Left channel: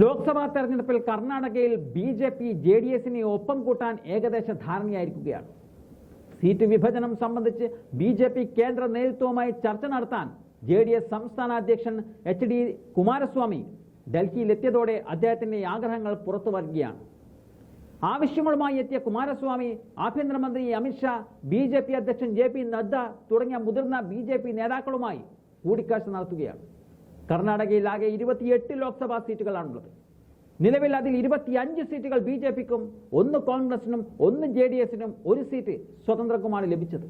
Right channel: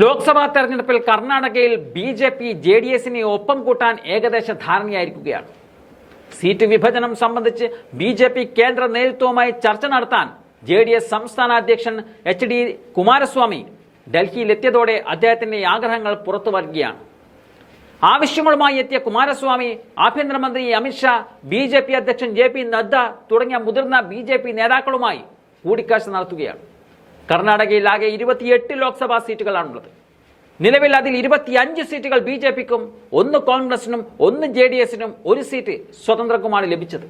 ലോക്സഭാ തെരഞ്ഞെടുപ്പിൽ കർണാടകയിൽ ബി.ജെ.പി. ജെ.ഡി.എസിനെ ഒപ്പം കൂട്ടാൻ ഏകദേശ ധാരണയായിരിക്കുകയാണ്. സീറ്റ് വിഭജനം സംബന്ധിച്ച് ബി.ജെ.പി. കേന്ദ്ര നേതൃത്വവുമായി ചർച്ച നടത്താൻ ജെ.ഡി.എസ്. സംസ്ഥാന അധ്യക്ഷൻ എച്ച്.ഡി. കുമാരസ്വാമി ഡൽഹിയിലെത്തിയതോടെ അദ്ദേഹത്തിന്റെ ആഗ്രഹങ്ങൾ പുറത്തു വരികയാണ്. ആവശ്യങ്ങളുമായി എത്തിയ കുമാരസ്വാമി ആഭ്യന്തരമന്ത്രി അമിത്ഷാ, ബി.ജെ.പി. അധ്യക്ഷൻ ജെ.പി. നദ്ദ തുടങ്ങിയ മുതിർന്ന ബി.ജെ.പി. നേതാക്കളുമായി കൂടിക്കാഴ്ച നടത്തുകയാണ്. കർണാടകയിൽ ആകെ 28 ലോക്സഭാ സീറ്റുകളാണുള്ളത്. നിലവിൽ അതിൽ 25 സീറ്റുകൾ ബി.ജെ.പിക്കും 1 കോൺഗ്രസിനും 1 ജെ.ഡി.എസിനും 1 സീറ്റ് സ്വതന്ത്രക്കുമാണ് ലഭിച്ചത്.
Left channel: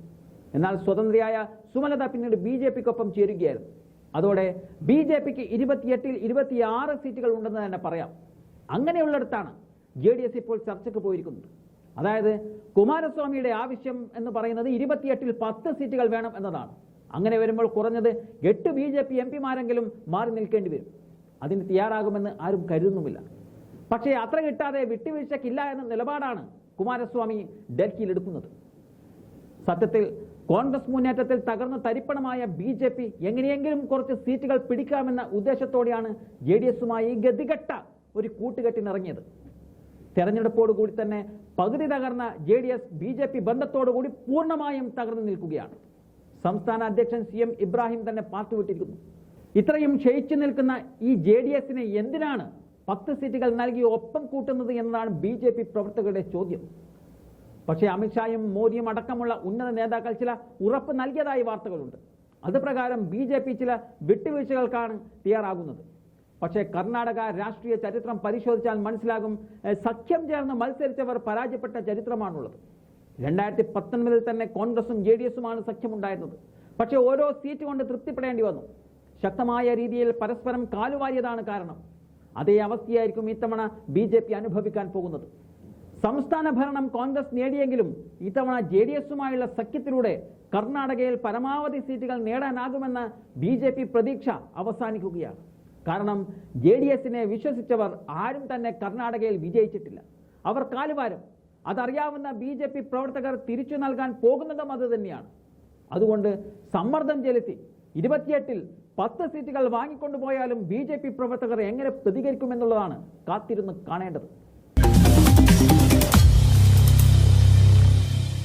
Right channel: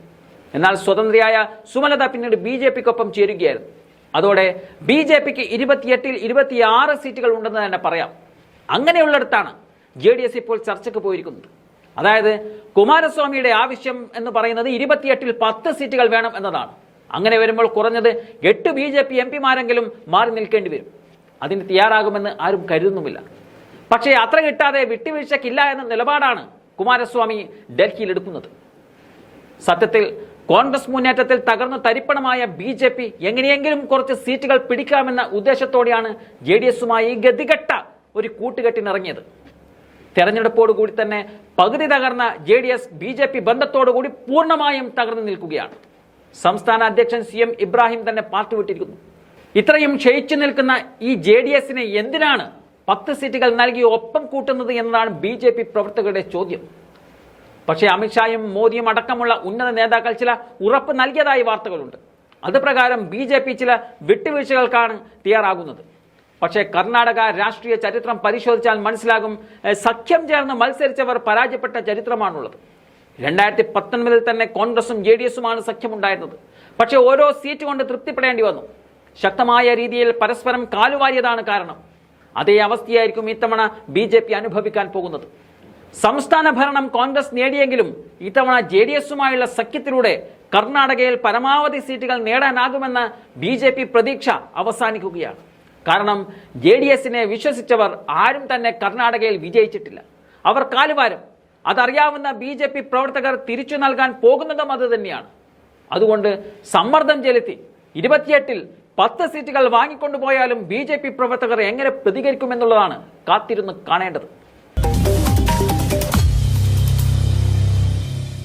എന്നാൽ സ്വതന്ത്രയായ സുമലത പിന്നീട് ബി.ജെ.പിക്കൊപ്പം ചേരുകയായിരുന്നു. അതോടെ ബി.ജെ.പിക്ക് 28-ൽ 26 സീറ്റുകൾ ഉണ്ടെന്ന് തന്നെ പറയാം. അങ്ങനെയുള്ളിടത്താണ് ജെ.ഡി.എസ്. ഇപ്പോൾ ചർച്ചയ്ക്ക് പോയിരിക്കുന്നത്. അതായത് കുമാരസ്വാമിയുടെ ആവശ്യം എന്ന് പറയുന്നത് 28-ൽ 10 സീറ്റുകൾ വേണം എന്നതാണ്. അങ്ങനെ വരുമ്പോൾ കുറഞ്ഞത് 8 ബി.ജെ.പി. എംപിമാരെങ്കിലും മാറി നിൽക്കേണ്ടി വരും. അതിന് തയ്യാറാകുമെന്ന് ആരും കരുതുന്നുമില്ല. പക്ഷേ അത്ര കിട്ടാതെ വിട്ടുവീഴ്ചയ്ക്കില്ല എന്ന നിലപാടാണ് കുമാരസ്വാമി ഡൽഹിയിൽ എടുക്കുന്നത്. സത്യത്തിൽ കോൺഗ്രസ് മുന്നേറ്റത്തിൽ തകർന്നു തരിപ്പണമായ ബി.ജെ.പി. എങ്ങനെയെങ്കിലും കുറച്ച് സീറ്റുകൾ പിടിക്കാമെന്ന ഉദ്ദേശത്തോടെയാണ് ജെ.ഡി.എസുമായി ഗതികെട്ട ഒരു കൂട്ടുകെട്ടിനിറങ്ങിയത്. തെരഞ്ഞെടുപ്പോടുകൂടി തന്നെ പകുതി തകർന്ന ജെ.ഡി.എസ്. ബി.ജെ.പി. ബന്ധത്തോടുകൂടി പൂർണ്ണമായും തകർന്നു നിൽക്കുകയാണ്. സംസ്ഥാന അധ്യക്ഷൻ CM ഇബ്രാഹിം തന്നെ പാർട്ടി വിട്ടിരിക്കുന്നു. ഇത്രയും ക്ഷയിച്ചു നിൽക്കുന്ന ഈ ജെ.ഡി.എസിനെ എന്തിനാണ് 10 സീറ്റുകൾ നൽകി ഒപ്പം കൂട്ടുന്നത് എന്നതാണ് ബി.ജെ.പി. പ്രവർത്തകരുടെ ചോദ്യം. പക്ഷേ അമിത്ഷായും മോദിയും അടക്കമുള്ള ഉന്നത നേതാക്കൾ ചില ഉറപ്പ് നൽകിയതായി വാർത്തകളുണ്ട്. അതുപ്രകാരം ബി.ജെ.പി. ചില വിട്ടുവീഴ്ചകൾക്കാണ് തയ്യാറാകുന്നത്. പക്ഷേ കർണാടക രാഷ്ട്രീയ ചരിത്രം പരിശോധിച്ചാൽ മനസ്സിലാകും, സഖ്യം ചേർന്ന് മത്സരിച്ചവർ പരാജയപ്പെട്ട ചരിത്രമാണുള്ളത്. 2019-ൽ തന്നെ കോൺഗ്രസും ജെ.ഡി.എസുമാണ് സഖ്യമുണ്ടായിരുന്നത്. പക്ഷേ ഓരോ സീറ്റ് കൊണ്ട് തൃപ്തിപ്പെടേണ്ടി വന്നു. ശക്തമായ രീതിയിൽ പരസ്പരം കാലുവാരിയതാണ് കാരണം. അതേ അവസ്ഥയായിരിക്കും ഇത്തവണ ബി.ജെ.പി. അനുഭവിക്കാൻ പോകുന്നത്. സംസ്ഥാന ഭരണം കോൺഗ്രസ് നേടിയെങ്കിലും ഇത്തവണ ജെ.ഡി.എസുമായുള്ള സഖ്യത്തിലൂടെ കർണാടകയിൽ പരമാവധി സീറ്റുകൾ നേടാനാകുമെന്ന ബി.ജെ.പി. പ്രതീക്ഷ അവസാനിക്കുകയാണ്. കാരണം ജെ.ഡി.എസിനെ വിശ്വസിച്ചവർ ആരും തന്നെ കർണാടകയിൽ വിജയിച്ചിട്ടില്ല. അവർ കാലുവാരും. അതറിയാവുന്ന ബി.ജെ.പി. പ്രവർത്തകർ തിരിച്ചു നൽകാൻ പോകുന്നതും അത് തന്നെയാണ്. അതുകൊണ്ട് സമ്മർദ്ദം ചെലുത്തി 28-ൽ 10 സീറ്റുകൾ വാങ്ങിക്കൊണ്ടുപോയാലും ബി.ജെ.പി. പ്രവർത്തകർ എങ്ങനെ പ്രതികരിക്കുമെന്നുള്ളതാണ് കാത്തിരുന്ന് കാണേണ്ടത്.